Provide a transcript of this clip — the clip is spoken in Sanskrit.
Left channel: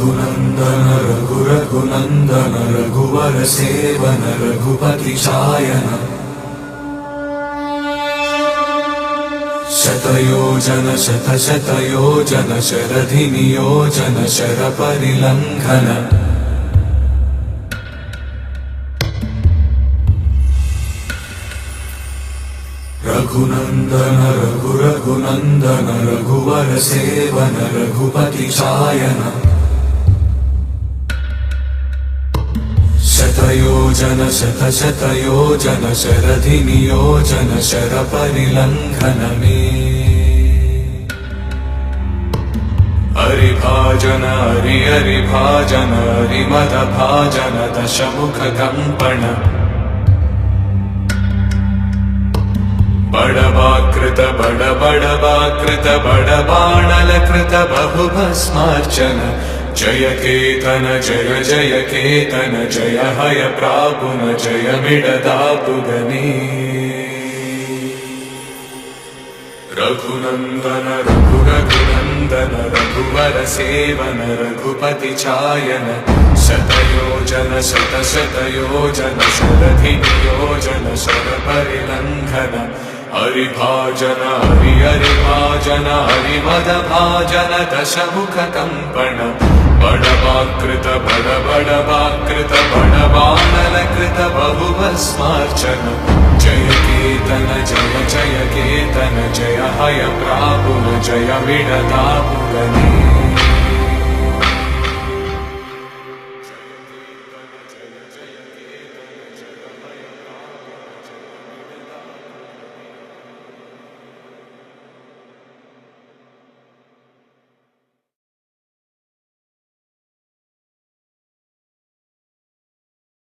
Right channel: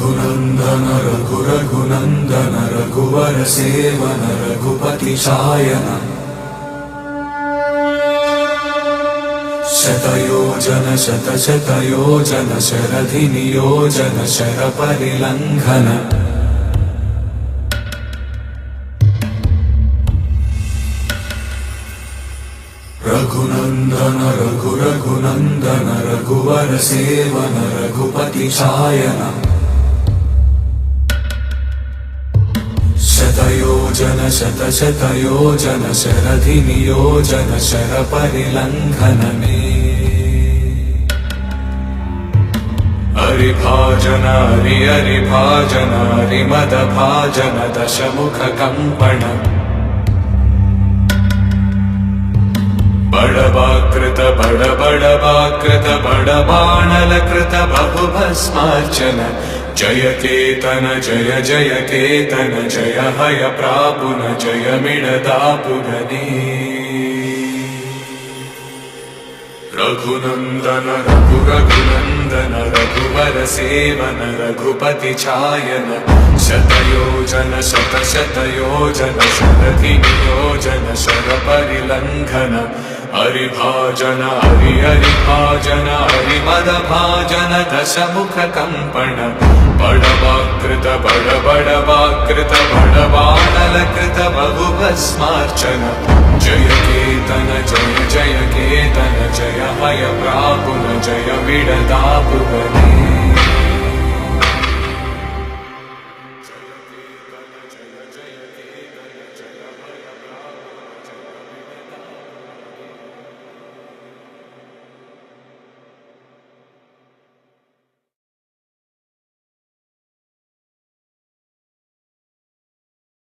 रघुनन्दन रघुनन्दन रघुवर सेवन रघुपति शायन शतयोजन शतशतयोजन शरधि नियोजन शरपरिलङ्घन रघुनन्दन रघुनन्दन रघुवर सेवन रघुपति शायन शतयोजन शतशतयोजन शरधि नियोजन शरपरिलङ्घन हरिभाजन हरिभाजन हरिमदभाजन दशमुख कंपन बड़वाकृत बड़वाकृत बड़बाणलकृत बहुभस्मार्चन जय केतन जय जय केतन जय हय प्रापुन जय मिडदापुगनी रघुनन्दन रघुनन्दन रघुवर सेवन रघुपति चायन शतयोजन शतशतयोजन शरधि नियोजन शरपरिलङ्घन हरिभाजन हरिभाजन हरिमदभाजन दशमुख कंपन बड़वाकृत बड़वाकृत बड़बाणलकृत बहुभस्मार्चन जय केतन जय जय केतन जय हय प्रापुन जय मिडदापुगनी